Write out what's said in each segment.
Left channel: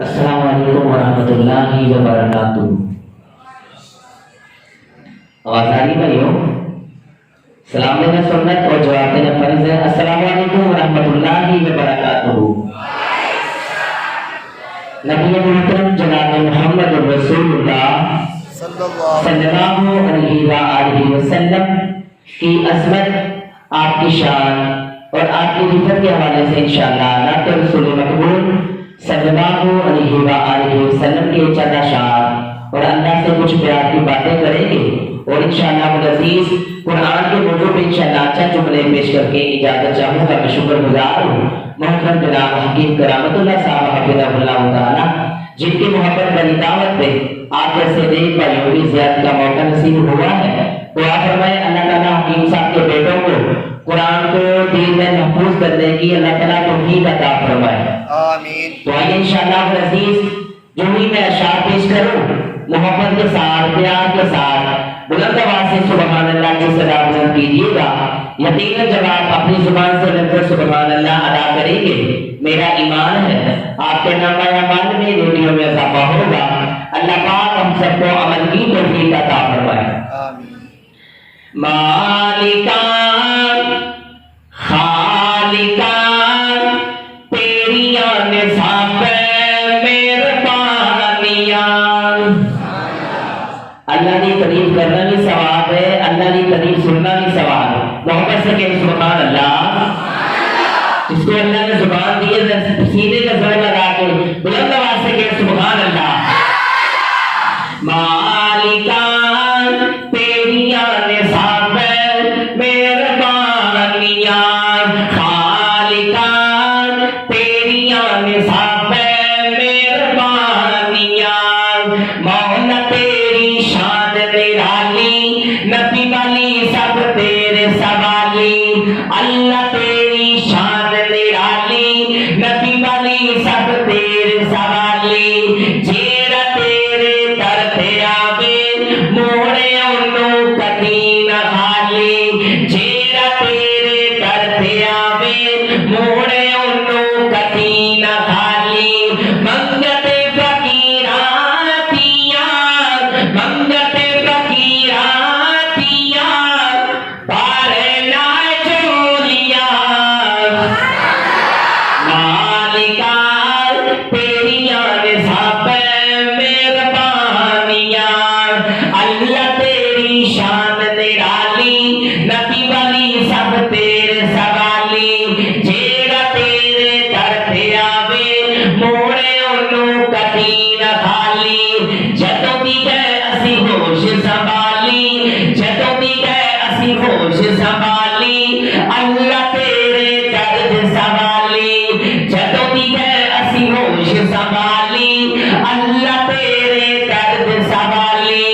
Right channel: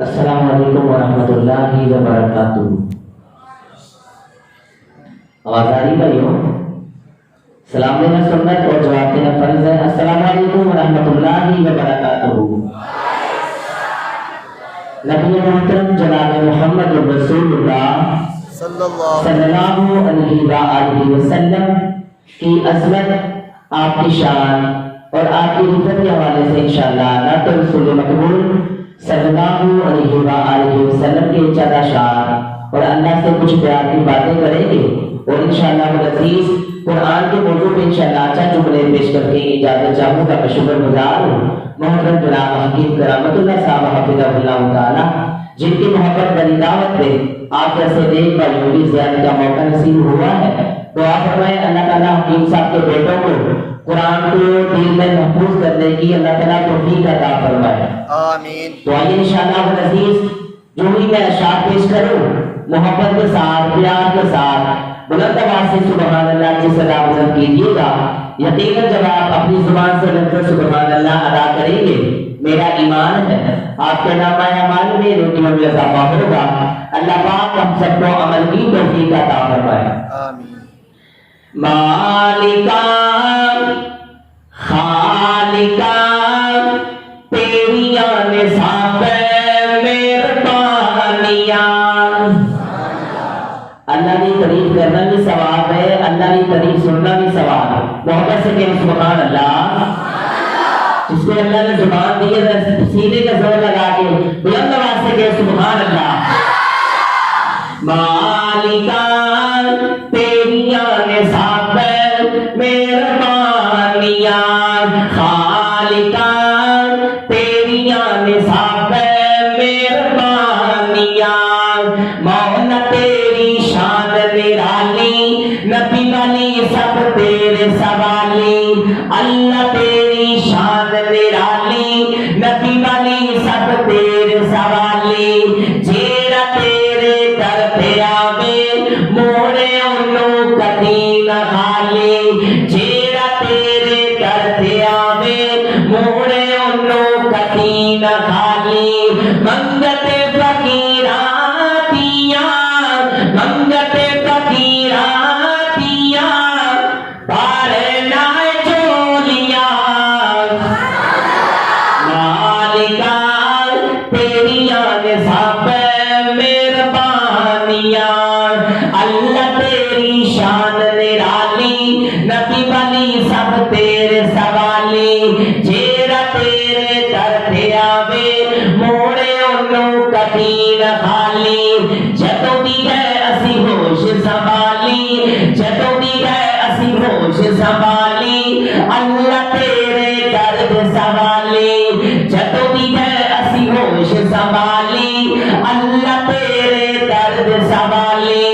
अस्सलामु अलैकुम वरहमतुल्लाहि वबरकातुहू। आवाज आ रही भाइयों? सलाम देना सुन्नत और जवाब देना फर्ज है। अस्सलामु अलैकुम वरहमतुल्लाहि वबरकातुहू। नबी मोहतरम जनाब मोहम्मद रसूलुल्लाह सल्लल्लाहु अलैहि वसल्लम की अज़मत, आपकी शान और आपकी रिफ़त के हवाले से इंशाअल्लाह नात रसूल मकबूल सल्लल्लाहु अलैहि वसल्लम के चंद अशार और अल्लाह से कुछ प्यार की बातें करेंगे और इंशाअल्लाह अज़ीज़ कुरान के मौजू पे इंशाअल्लाह अच्छा जुमले पेश करके इजाजत चाहूँगा। मैं शुक्रगुजार हूँ मोहतरम जनाब हकीम करामतुल्लाह साहब हफ़िज़हुल्लाह ताला, जिनकी मोहब्बत वाली दावत पे आप जैसे नेक भाइयों की ज़ियारत का मौका नसीब हुआ है। तो आप फरमाए अल्लाह ताला हकीम साहब के बेटों को कुरान को दिल में महफूज करने की अल्लाह ताला तौफीक अता फरमाए, आमीन। तो आइए इंशाअल्लाह अज़ीज़ जो भी मैं अशार पेश करूँ मोहब्बत के साथ प्यार के साथ बुलंद आवाज से सुभान अल्लाह की सदा बुलंद कीजिएगा। यकीनन जब आप अपनी जुबान से लफ्ज़ सुभान अल्लाह अदा करेंगे मेरा ईमान है आपके नामा अमाल में नेकियों में इजाफा होगा। अल्लाह पाक हम सबको अमल की तौफीक अता फरमाए, आमीन। मालिका खालिका तेरियां निसाबे मेहरबानियां। अल्लाह की तारीफ करना भी सवाब है, अल्लाह की तारीफ सुनना भी सवाब है। मोहब्बत से कहें सुभान अल्लाह। जिसको अल्लाह ने जुबान दी है सीने का जोर लगा के बुलंद आवाज से कहें सुभान अल्लाह। मालिका तेरियां निसाबे मेहरबानियां, खालिका तेरियां निसाबे मेहरबानियां, मौला तेरी शान निराली, नबी वाली सब तेरे सवाली। अल्लाह तेरी शान निराली, नबी वाली सब तेरे सवाली। जेड़ा तेरे दर पे आवे मोड़े ओनू कदी ना खाली। जेड़ा तेरे दर पे आवे मोड़े ओनू कदी ना खाली। मंगते फकीरातियां, मंगते फकीरातियां, बारे लाए चोलियां। मालिका तेरियां निसाबे मेहरबानियां, अल्लाह तेरी शान निराली, नबी वाली सब तेरे सवाली। जेड़ा तेरे दर पे आवे मोड़े ओनू कदी ना खाली। जदों भी गए असी होश संभाली, जदों भी गए असी होश संभाली। अल्लाह तेरे दर्द सवाली, जदों भी गए असी होश संभाली। अल्लाह तेरे दर्द सवाली।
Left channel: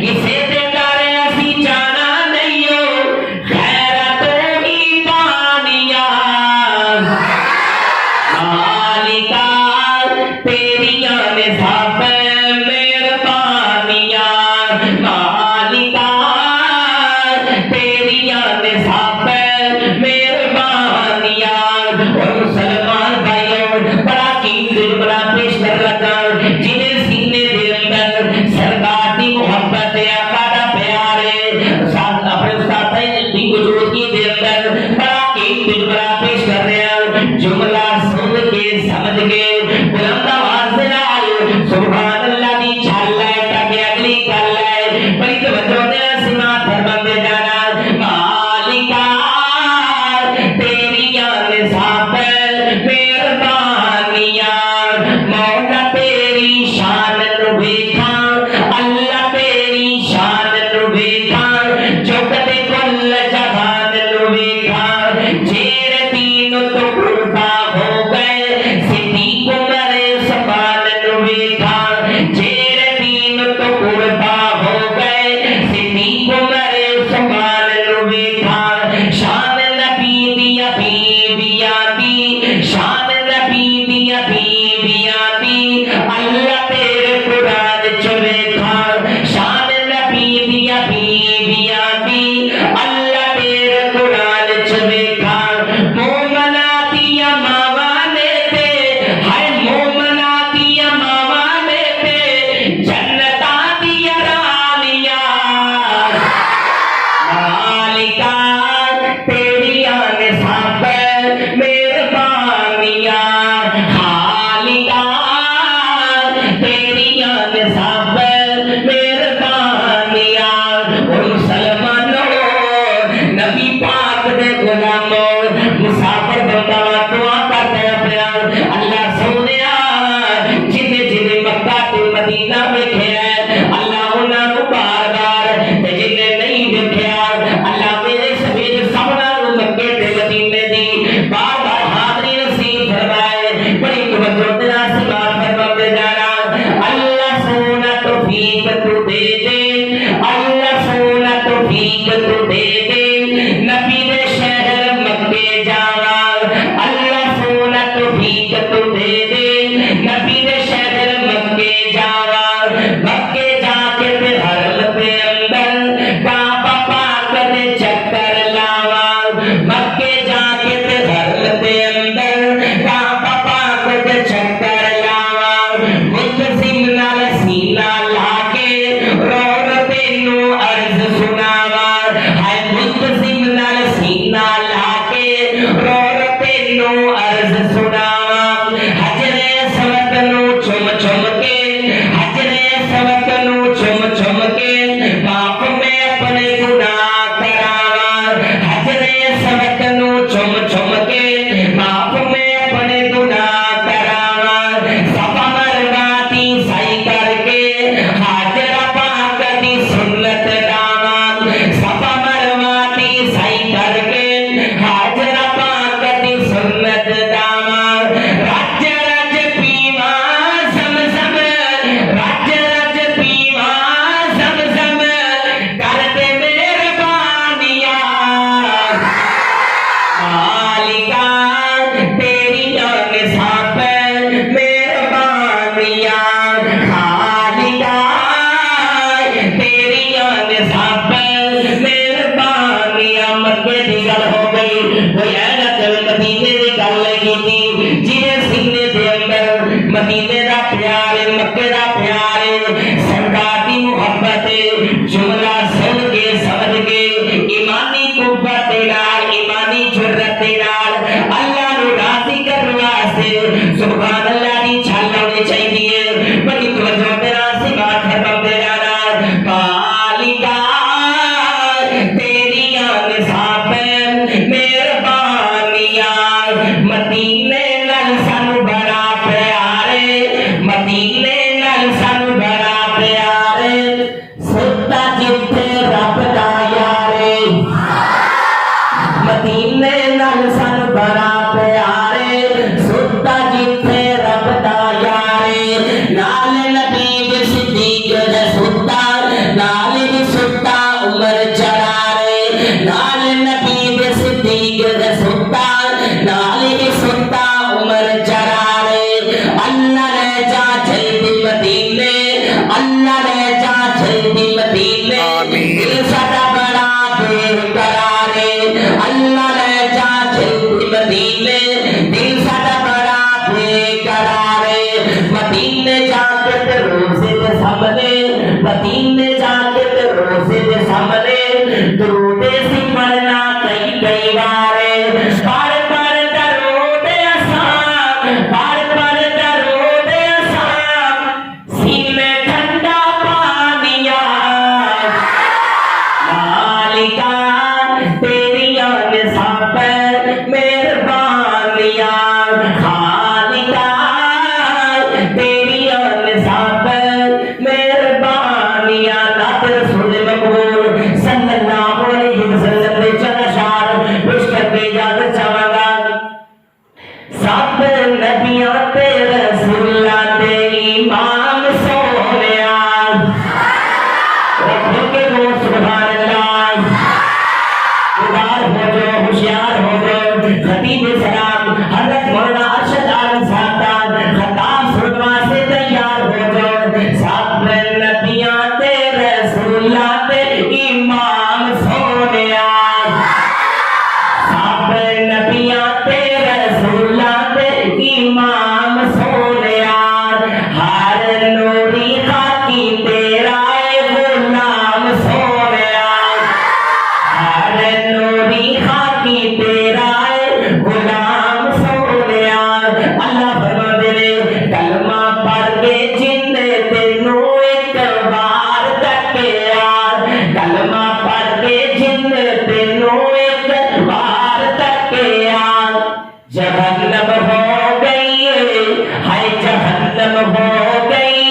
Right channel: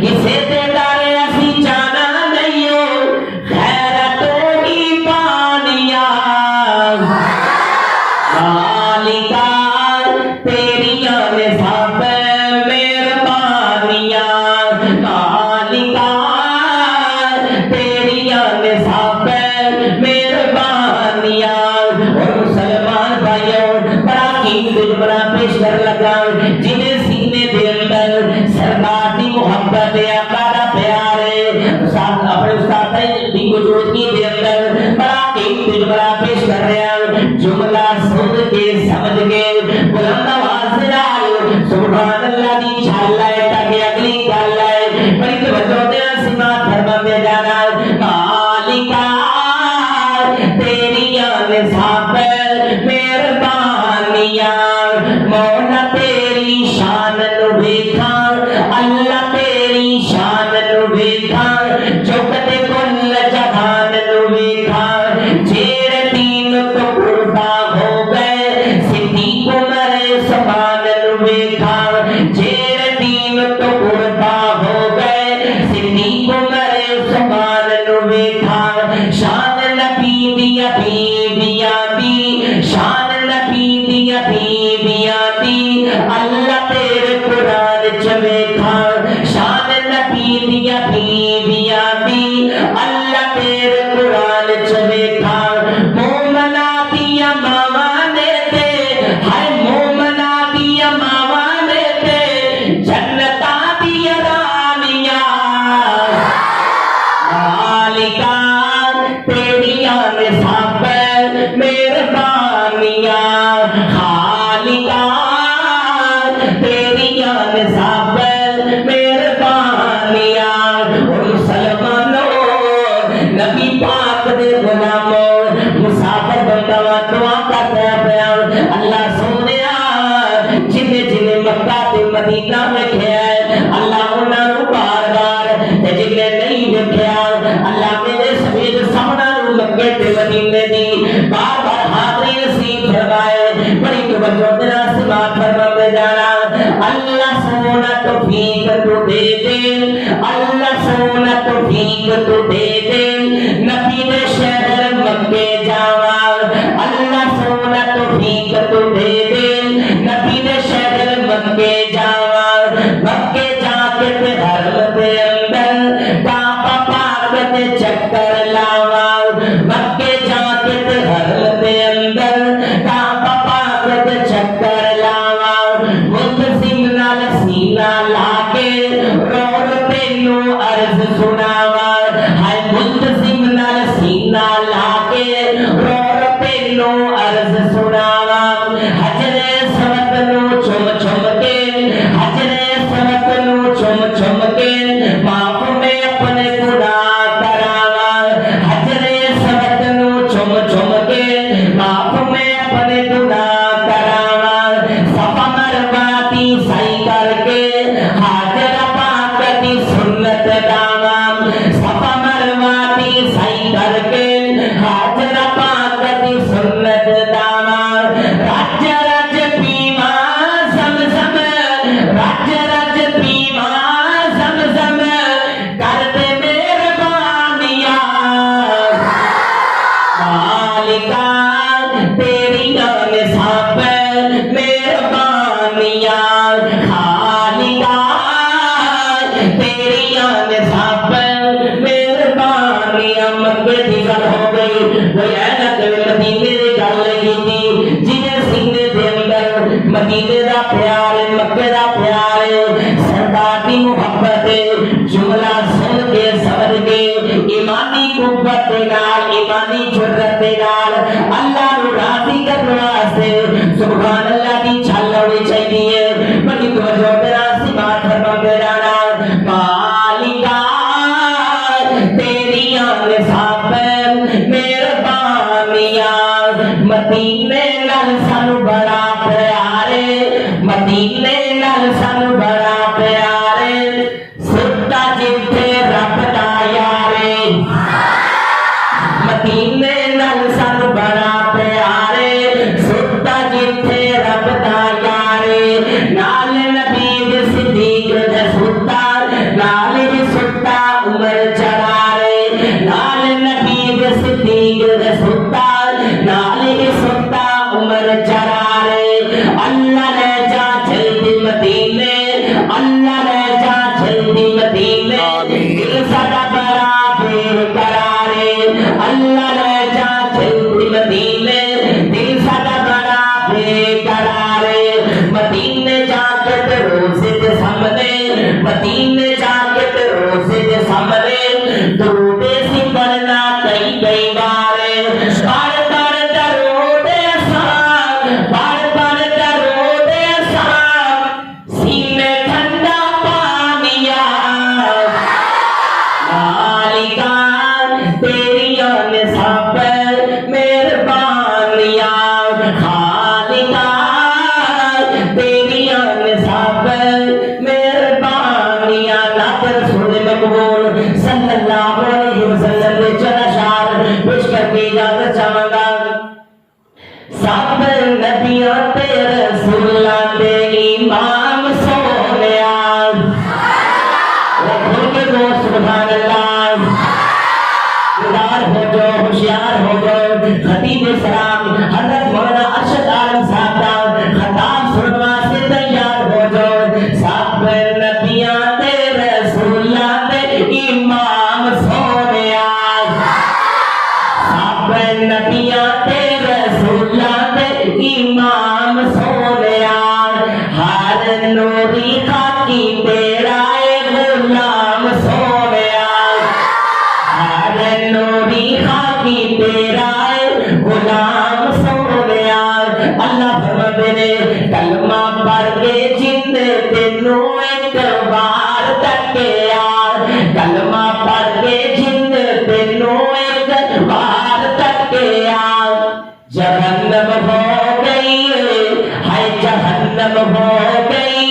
किसे ते डर असी जाना नहीं हो, खैरत ही पानिया। मालिका तेरियां निसाबे मेहरबानियां, मालिका तेरियां निसाबे मेहरबानियां। और मुसलमान भाइयों बड़ा कीमती जुमला पेश कर लगा, जिन्हें सीने दे अंदर सरकार की मोहब्बत आका दा प्यार है, साथ अपने साथ दी मौजूदगी दे अंदर बड़ा कीमती जुमला पेश कर रहा। जुमला सुन के समझ के बुलंद आवाज से लाओ सुभान अल्लाह दी छाल है ताकि अगली गल है बड़ी तवज्जो दे सुना धर्म में जाना। मालिका तेरियां निसाबे मेहरबानियां, मौला तेरी शान नु वेखा, अल्लाह तेरी शान नु वेखा, जो कदे कुल जहान नु वेखा। जेड़े दीन तो कुर्बा हो गए सिद्दीक उमर समान नु वेखा, अल्लाह फरमाते ने कलमा पढ़ के जिंदे ते नूर हो गई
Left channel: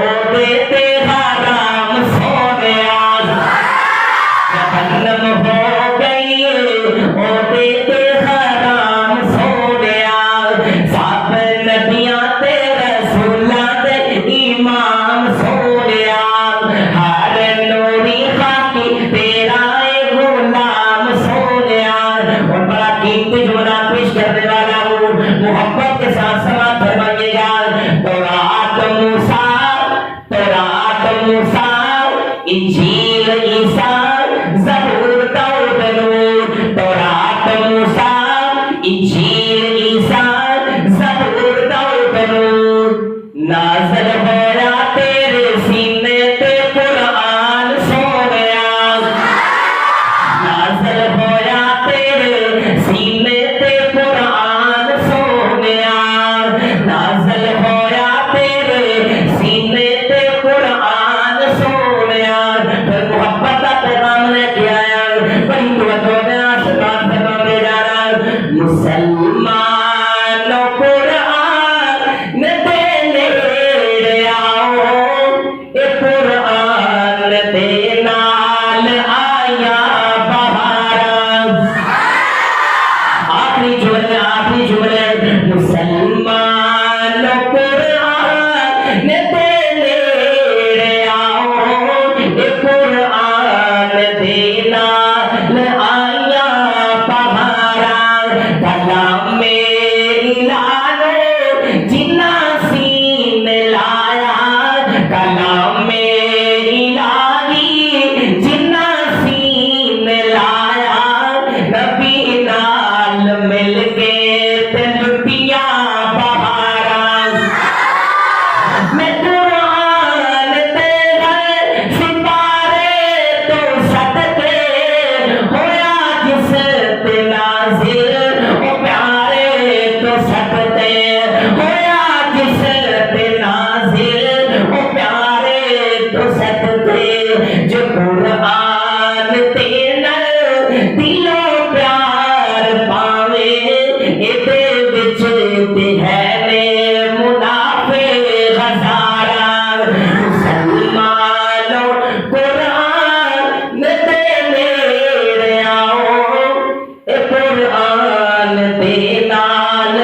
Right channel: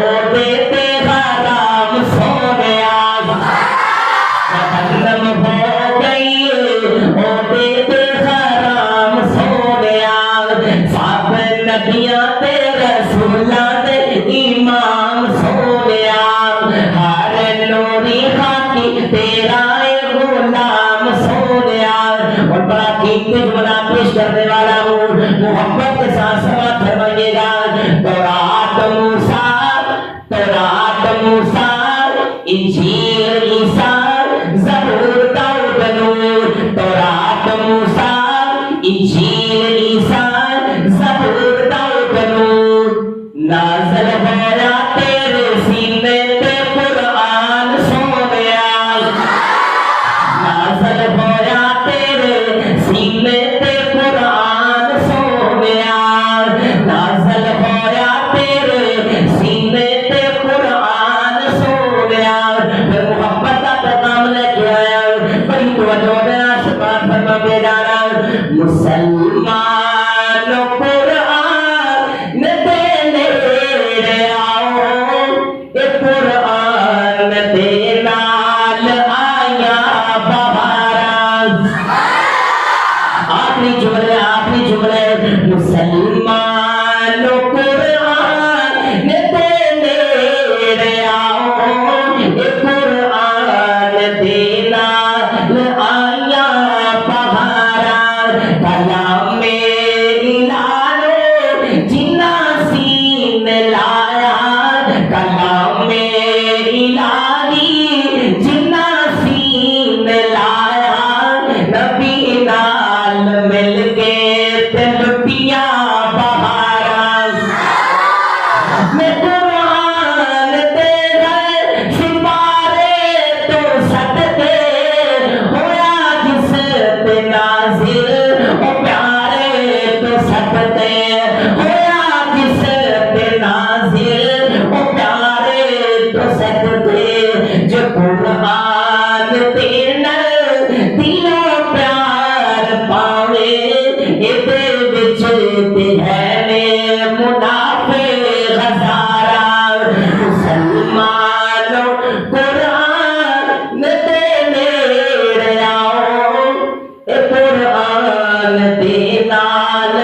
ओ बेटे हराम सोनिया जहन्नम हो गई ओ बेटे हराम सोनिया सब नबियां ते रसूलां दे इमाम सोनिया हर नूरी खाकी तेरा ए गुलाम सोनिया और बड़ा कीमती जुमला पेश करने वाला हूँ मोहब्बत के साथ समाप्त फरमाइएगा तौरात मूसा इंजील ईसा ज़बूर दाऊद नूर तौरात मूसा इंजील ईसा ज़बूर दाऊद नूर नाज़िल होया तेरे सीने पे कुरान सोनिया नाज़िल होया तेरे सीने पे कुरान सोनिया नाज़िल होया तेरे सीने पे कुरान सोनिया फिर मोहब्बत का पैगाम लेके आया बड़ी तवज्जो में आशीर्वाद फरमा जाना मुसलमानों कुरान देने आओ ये कुरान दे नाल आया बहारा आखिरी जुमले मुसलमानों कुरान देने आओ ये कुरान देना आया बहारा कलाम इलानो जिन्ना सीन लाया कलाम इलाही जिन्ना सीन लाया नबी नाल मिल के ते लुटिया बहारा मैं कुरान तेरा सितारे तो सटते होया जिस पे नाज़िल ओ प्यारे तो सटते होया जिस पे नाज़िल ओ प्यारे तो सटते जो कुरान तेरा दिलो प्यार पावे इहदे विच ते है ने मुनाफे हज़ारा मुसलमानों कुरान दे नेड़े आओ ए कुरान दे नाल